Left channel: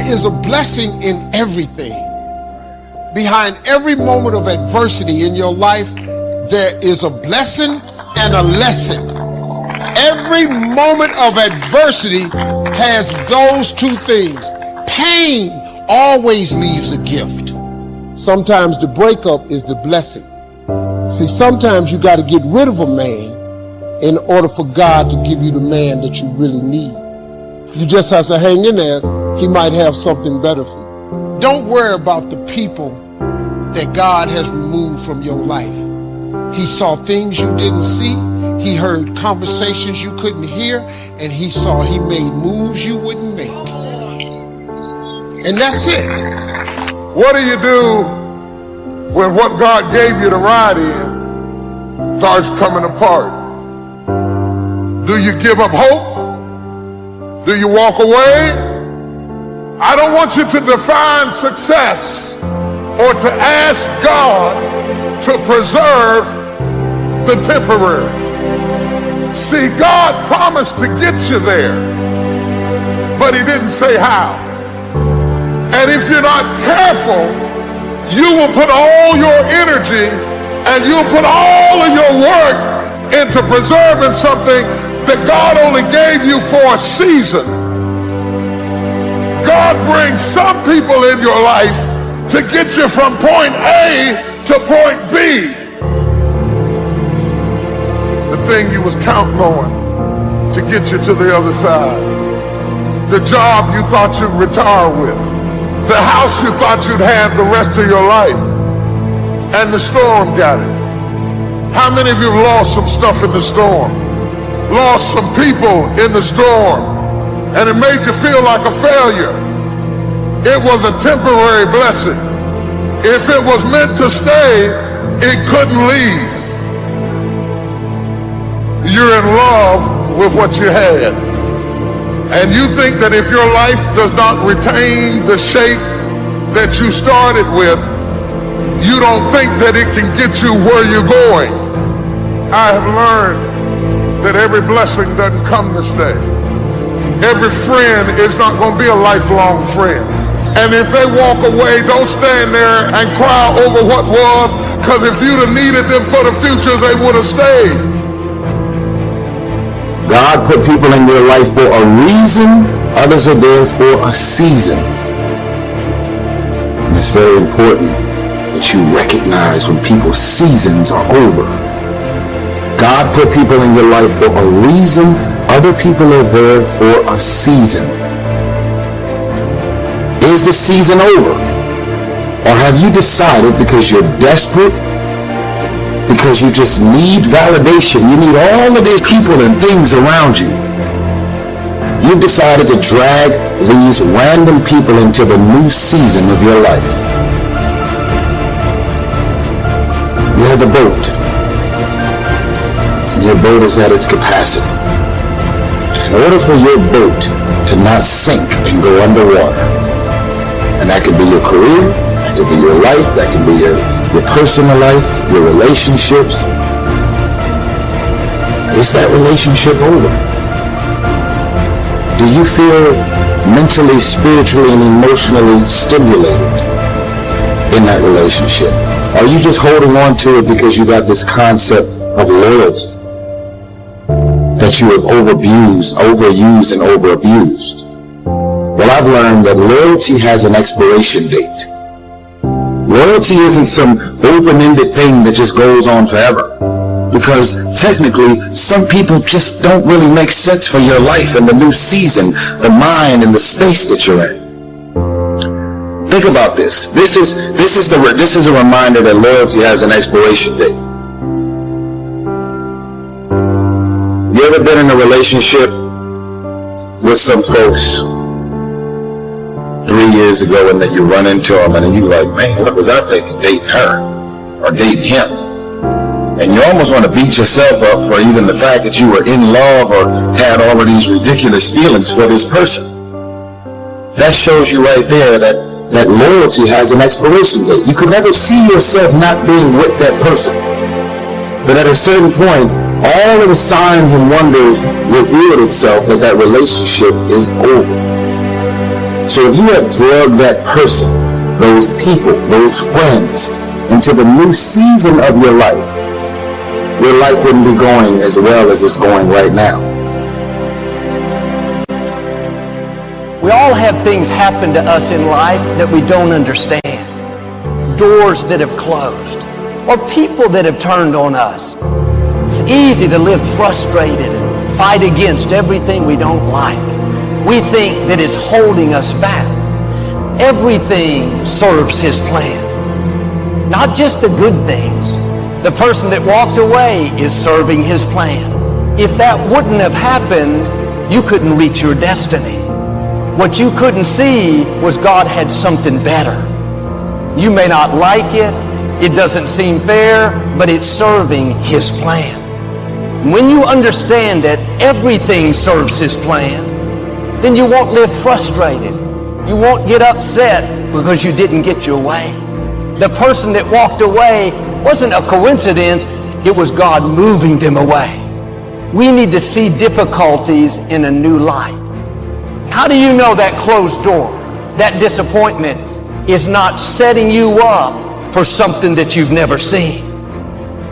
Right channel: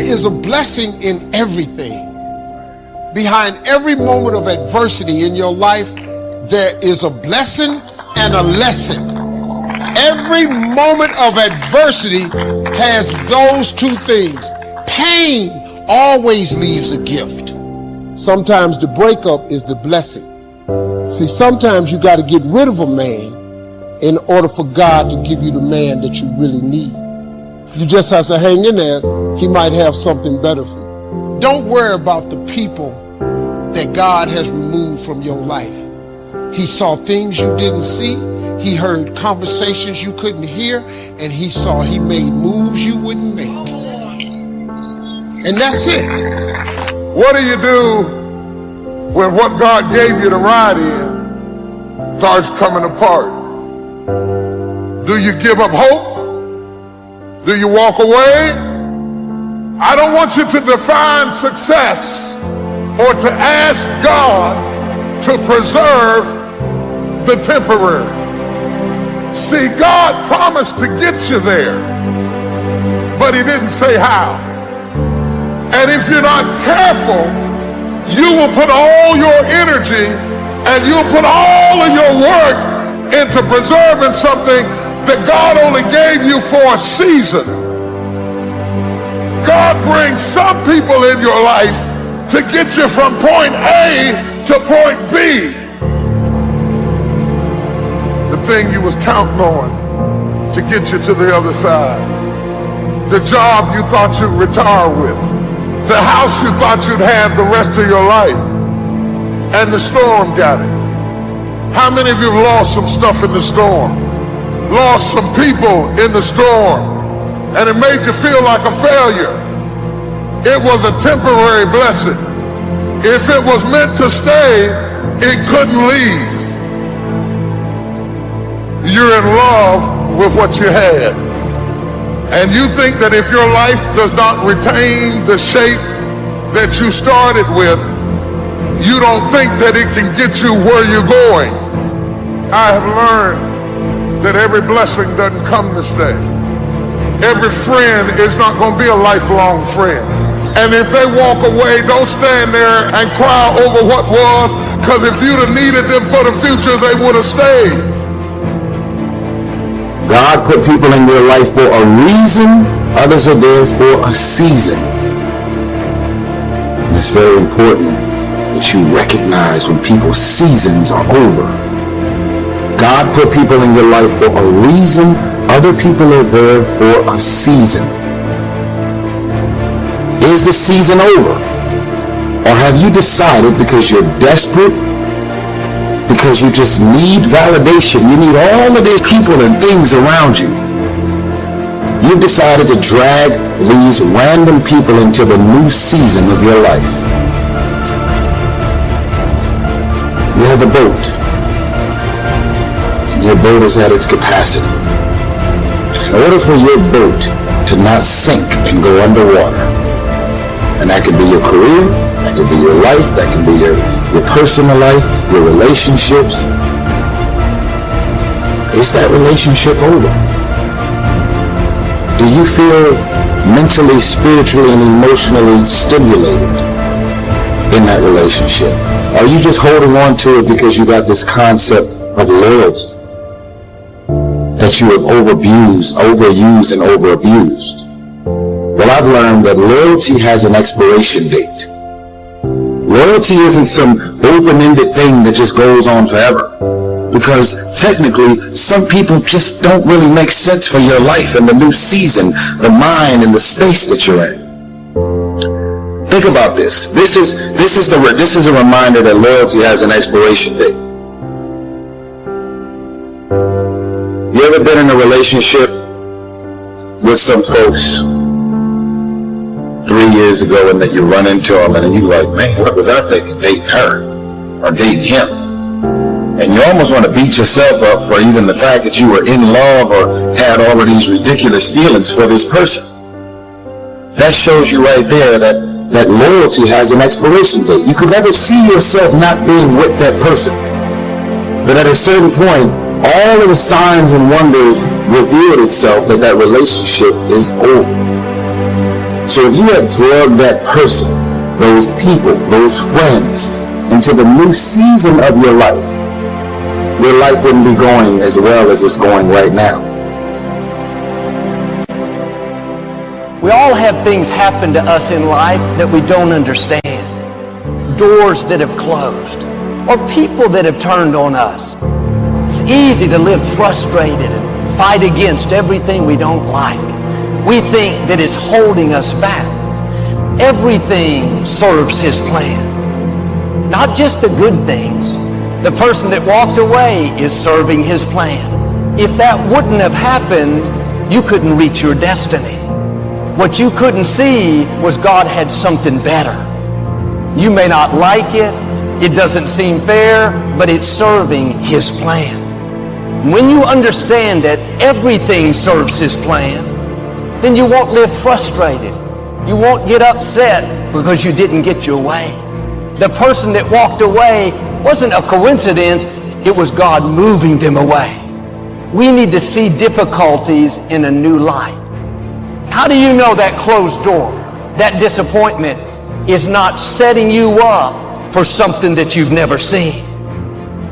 there is a blessing in everything. Behind every moment of adversity in your life, there is a blessing and a lesson. Every moment of adversity has those two things. Pain always leaves a gift. Sometimes the breakup is the blessing. See, sometimes you got to get rid of a man in order for God to give you the man that you really need. You just have to hang in there. He might have something better for you. Don't worry about the people that God has removed from your life. He saw things you didn't see. He heard conversations you couldn't hear. And he made moves you wouldn't make. And that's it. What do you do when what God gave you to ride in starts coming apart? Do you give up hope? Do you walk away? I don't want you to define success or to ask God to preserve the temporary. See, God promised to get you there, but he didn't say how. And if you're not careful, you will put all your energy and you'll put all of your work into preserving something that God only gave you for a season. God brings some people in your life to get you from point A to point B. The thing you was counting on to get you to the other side. The job you thought you'd retire with. The house you thought you'd have the rest of your life. And the storm got it. How many of you have lost some stuff in the storm? Lost some people in the storm, and it made you feel like a failure. It was a temporary blessing. If it was meant to stay, it couldn't leave. You're in love with what you had, and you think that if your life does not retain the shape that you started with, you don't think that it can get you where you're going. I have learned that every blessing doesn't come to stay. Every friend is not going to be a lifelong friend. And if they walk away, don't stand there and cry over what was, because if you'd have needed them for the future, they would have stayed. God put people in your life for a reason. Others are there for a season. And it's very important that you recognize when people's seasons are over. God put people in your life for a reason. Other people are there for a season. Is the season over? Or have you decided because you're desperate, because you just need validation, you need all of these people and things around you, you've decided to drag these random people into the new season of your life? You have a boat. Your boat is at its capacity. In order for your boat to not sink and go underwater, and that could be your career, that could be your life, that could be your personal life, your relationships. Is that relationship over? Do you feel mentally, spiritually, and emotionally stimulated in that relationship? Are you just holding on to it because you got this concept of loyalty that you have overused and overabused? Well, I've learned that loyalty has an expiration date. Loyalty isn't some open-ended thing that just goes on forever. Because technically, some people just don't really make sense for your life and the new season, the mind and the space that you're in. Think about this. This is a reminder that loyalty has an expiration date. You ever been in a relationship with some folks 3 years ago and then you run into them and then you're like, man, what was I thinking dating her or dating him? And you almost want to beat yourself up for even the fact that you were in love or had all of these ridiculous feelings for this person. That shows you right there that loyalty has an expiration date. You could never see yourself not being with that person. But at a certain point, all of the signs and wonders revealed itself that relationship is over. So if you have drugged that person, those people, those friends, into the new season of your life wouldn't be going as well as it's going right now. We all have things happen to us in life that we don't understand. Doors that have closed, or people that have turned on us. It's easy to live frustrated and fight against everything we don't like. We think that it's holding us back. Everything serves His plan. Not just the good things. The person that walked away is serving His plan. If that wouldn't have happened, you couldn't reach your destiny. What you couldn't see was God had something better. You may not like it. It doesn't seem fair, but it's serving His plan. When you understand that everything serves His plan, then you won't live frustrated. You won't get upset because you didn't get your way. The person that walked away wasn't a coincidence. It was God moving them away. We need to see difficulties in a new light. How do you know that closed door, that disappointment, is not setting you up for something that you've never seen?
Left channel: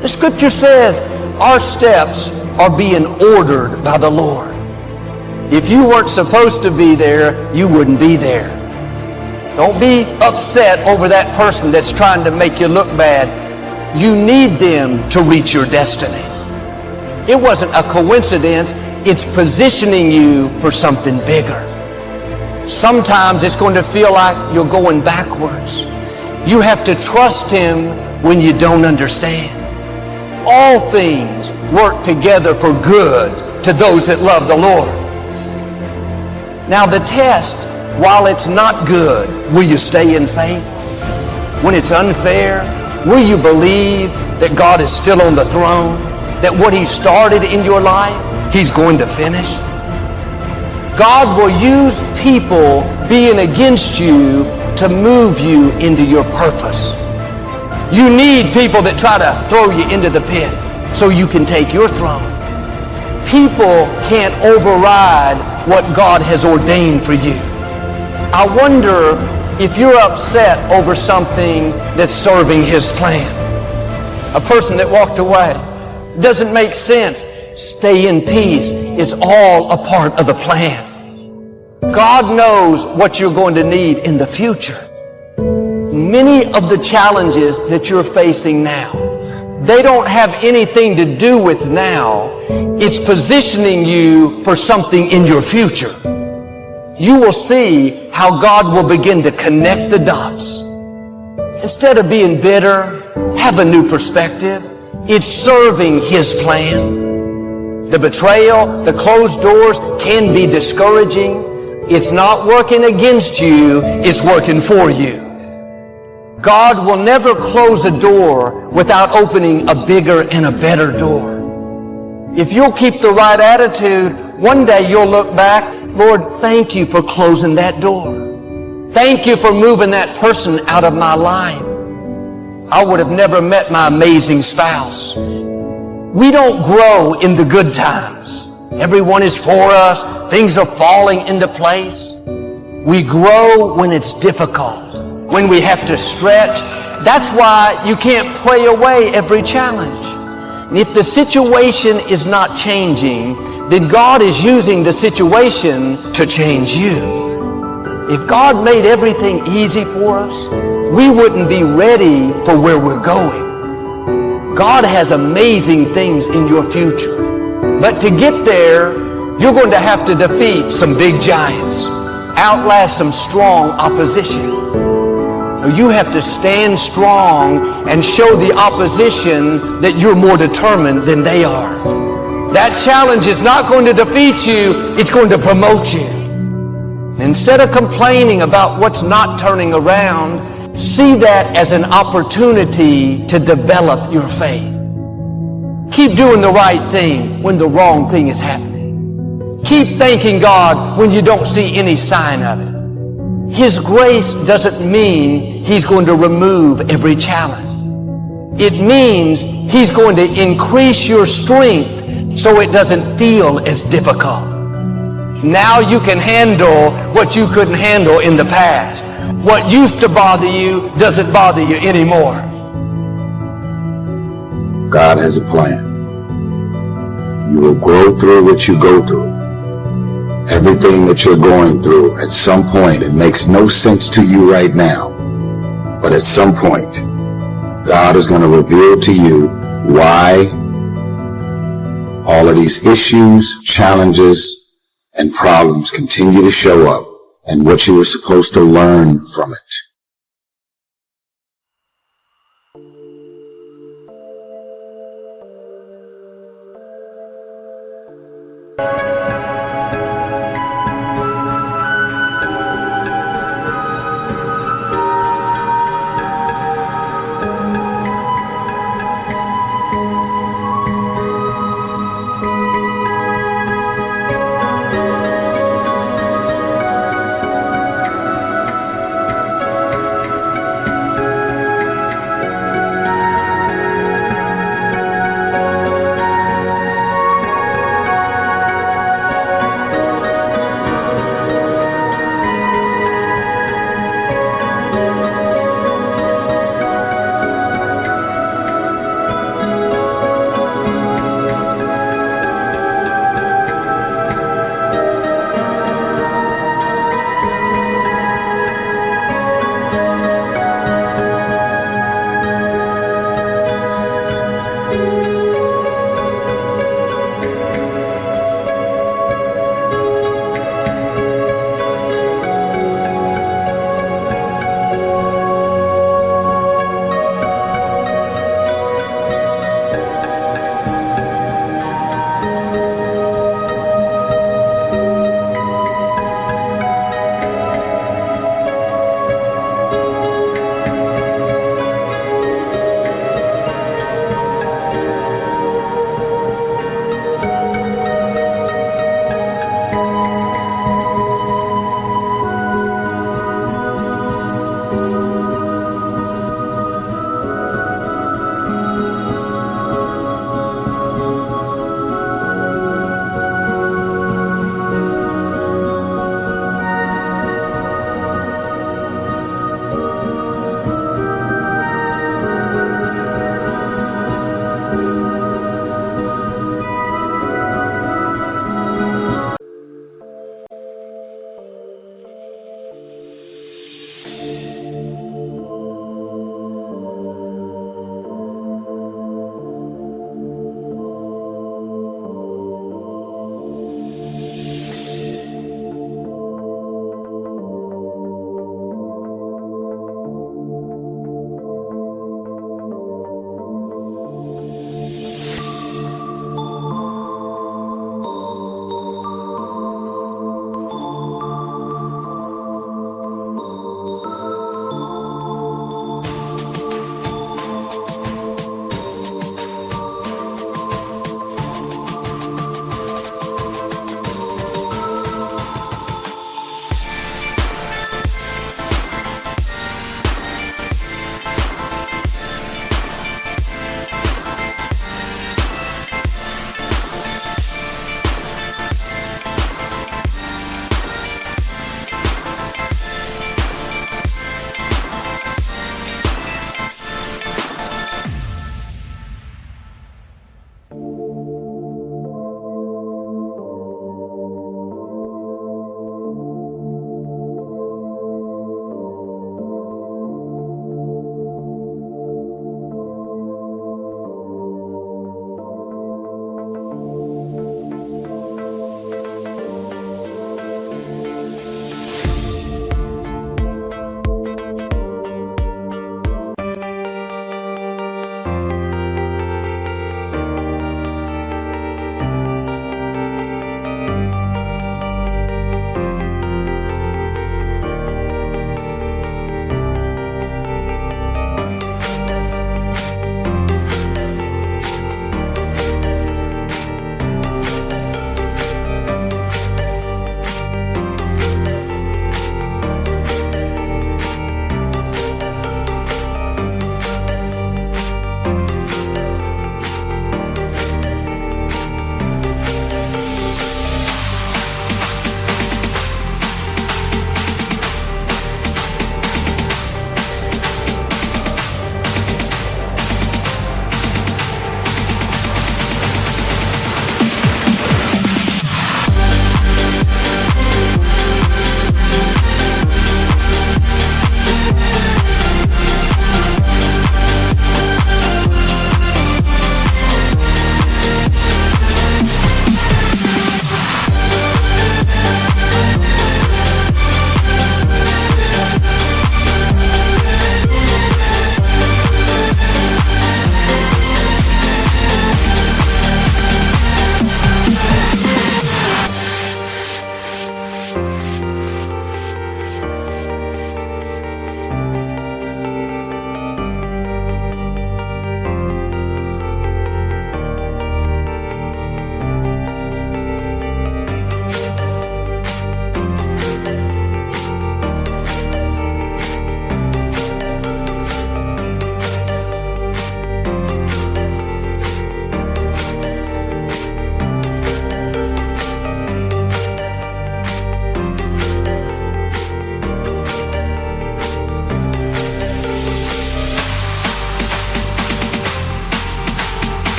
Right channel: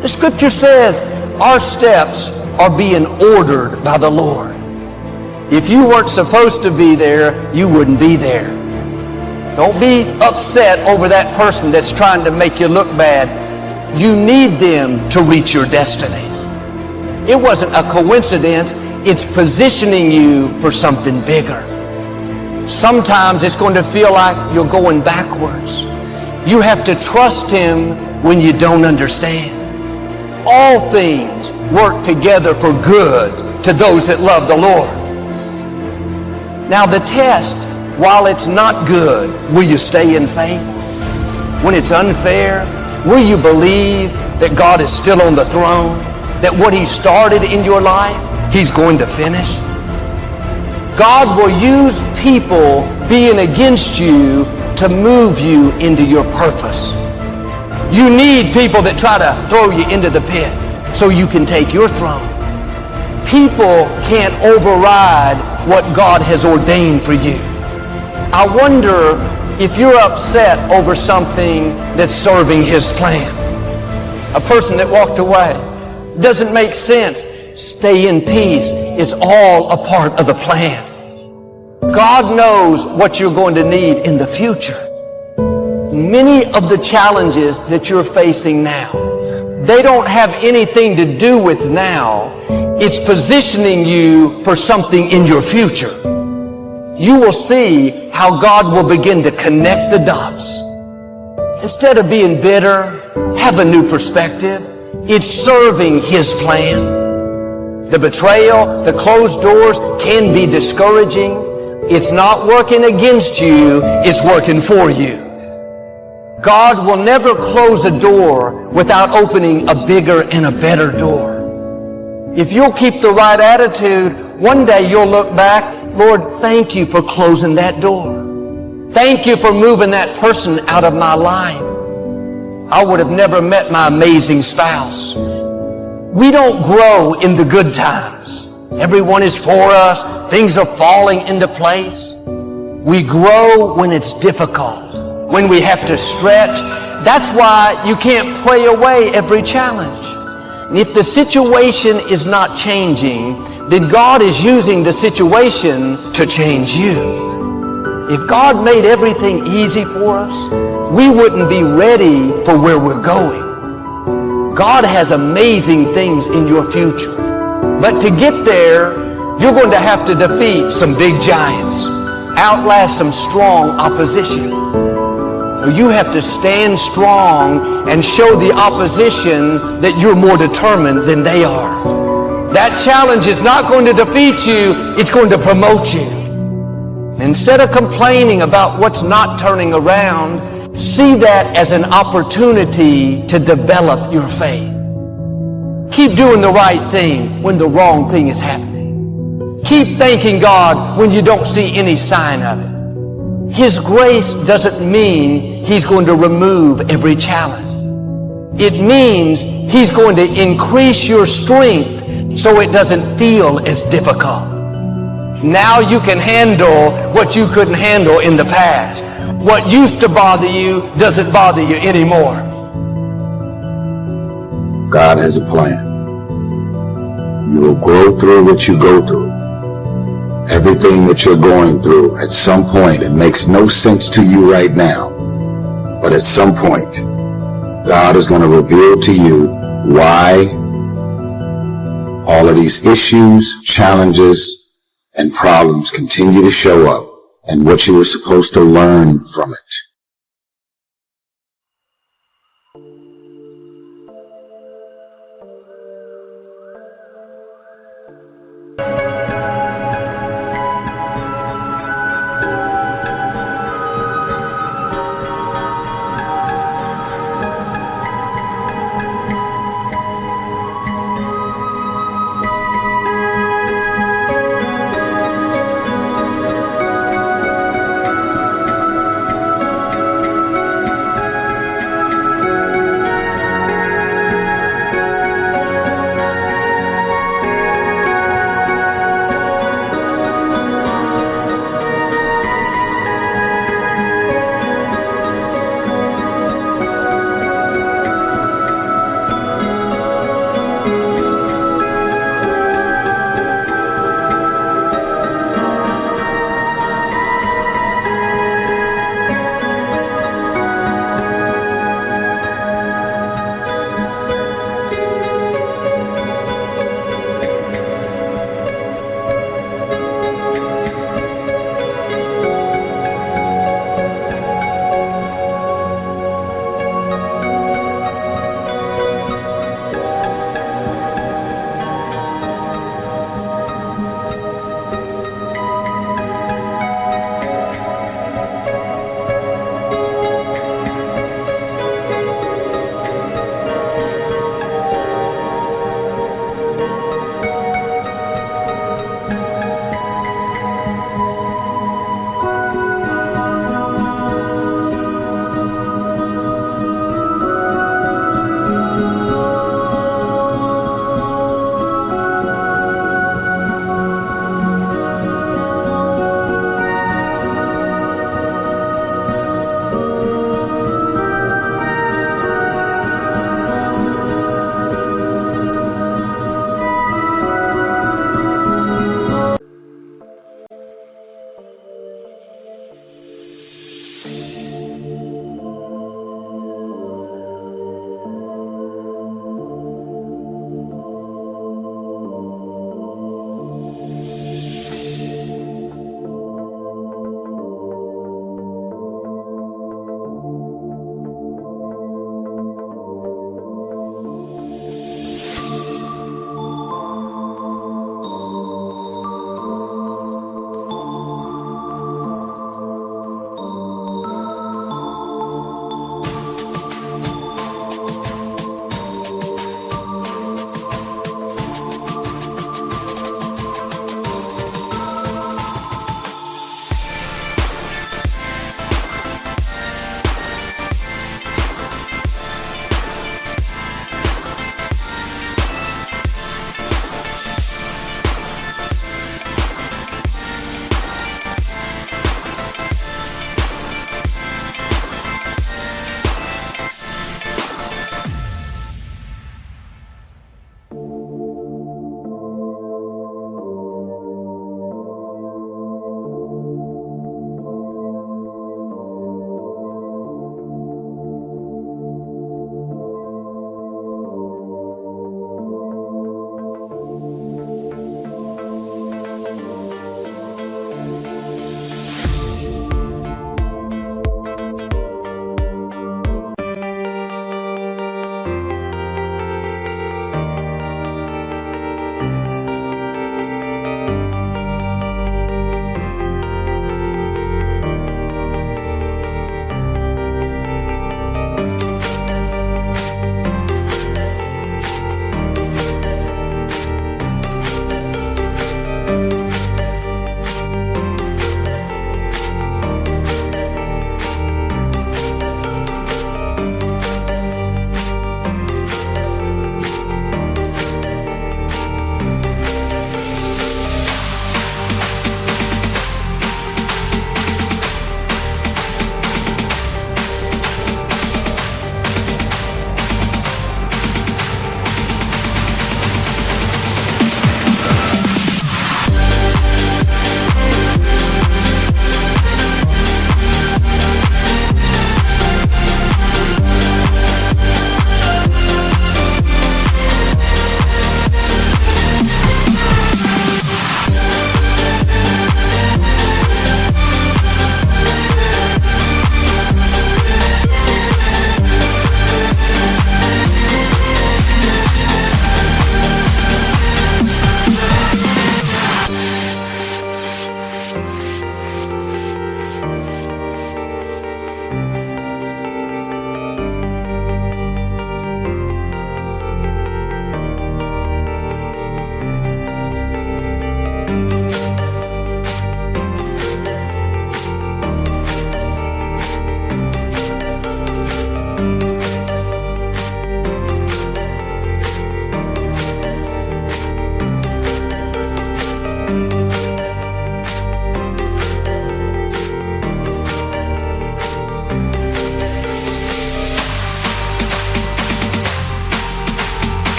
The scripture says our steps are being ordered by the Lord. If you weren't supposed to be there, you wouldn't be there. Don't be upset over that person that's trying to make you look bad. You need them to reach your destiny. It wasn't a coincidence. It's positioning you for something bigger. Sometimes it's going to feel like you're going backwards. You have to trust Him when you don't understand. All things work together for good to those that love the Lord. Now the test, while it's not good, will you stay in faith? When it's unfair, will you believe that God is still on the throne? That what He started in your life, He's going to finish? God will use people being against you to move you into your purpose. You need people that try to throw you into the pit so you can take your throne. People can't override what God has ordained for you. I wonder if you're upset over something that's serving His plan. A person that walked away. Doesn't make sense. Stay in peace. It's all a part of the plan. God knows what you're going to need in the future. Many of the challenges that you're facing now, they don't have anything to do with now. It's positioning you for something in your future. You will see how God will begin to connect the dots. Instead of being bitter, have a new perspective. It's serving His plan. The betrayal, the closed doors can be discouraging. It's not working against you, it's working for you. God will never close a door without opening a bigger and a better door. If you'll keep the right attitude, one day you'll look back, Lord, thank you for closing that door. Thank you for moving that person out of my life. I would have never met my amazing spouse. We don't grow in the good times. Everyone is for us. Things are falling into place. We grow when it's difficult, when we have to stretch. That's why you can't pray away every challenge. And if the situation is not changing, then God is using the situation to change you. If God made everything easy for us, we wouldn't be ready for where we're going. God has amazing things in your future. But to get there, you're going to have to defeat some big giants, outlast some strong opposition. You have to stand strong and show the opposition that you're more determined than they are. That challenge is not going to defeat you, it's going to promote you. Instead of complaining about what's not turning around, see that as an opportunity to develop your faith. Keep doing the right thing when the wrong thing is happening. Keep thanking God when you don't see any sign of it. His grace doesn't mean He's going to remove every challenge. It means He's going to increase your strength so it doesn't feel as difficult. Now you can handle what you couldn't handle in the past. What used to bother you doesn't bother you anymore. God has a plan. You will grow through what you go through. Everything that you're going through, at some point, it makes no sense to you right now. But at some point, God is going to reveal to you why all of these issues, challenges, and problems continue to show up, and what you were supposed to learn from it.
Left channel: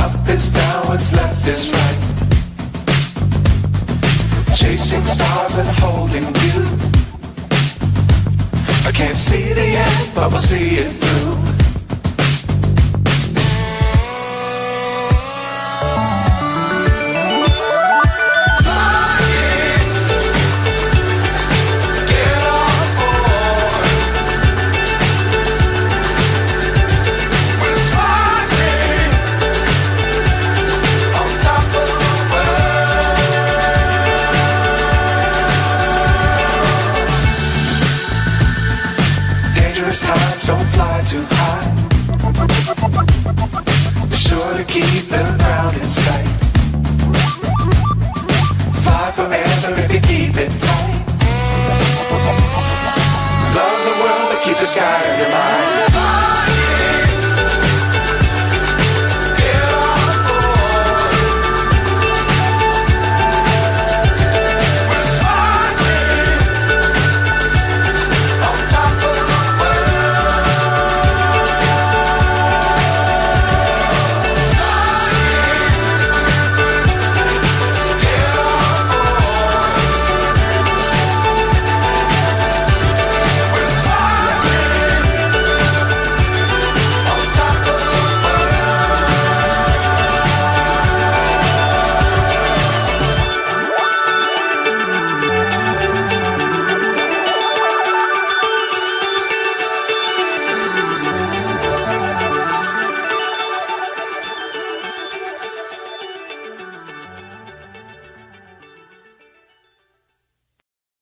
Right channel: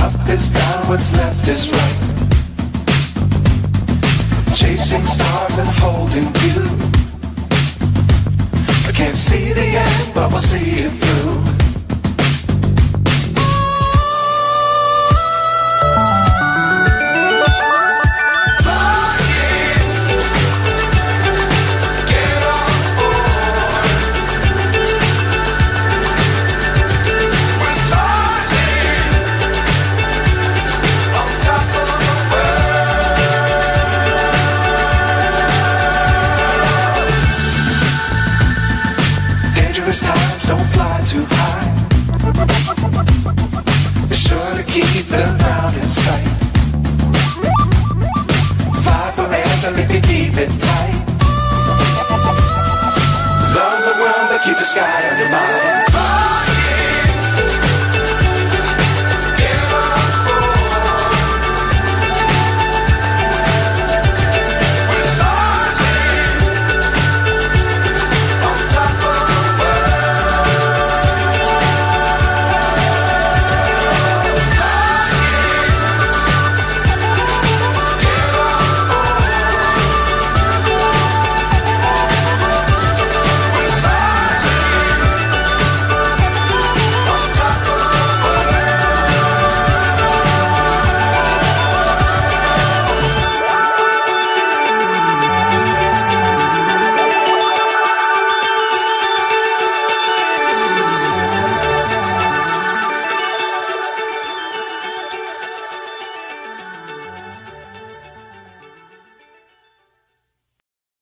Up is down, what's left is right. Chasing stars and holding you. I can't see the end, but we'll see it through. Times don't fly too high. Be sure to keep the ground in sight. Fly forever if you keep it tight. Love the world but keep the sky on your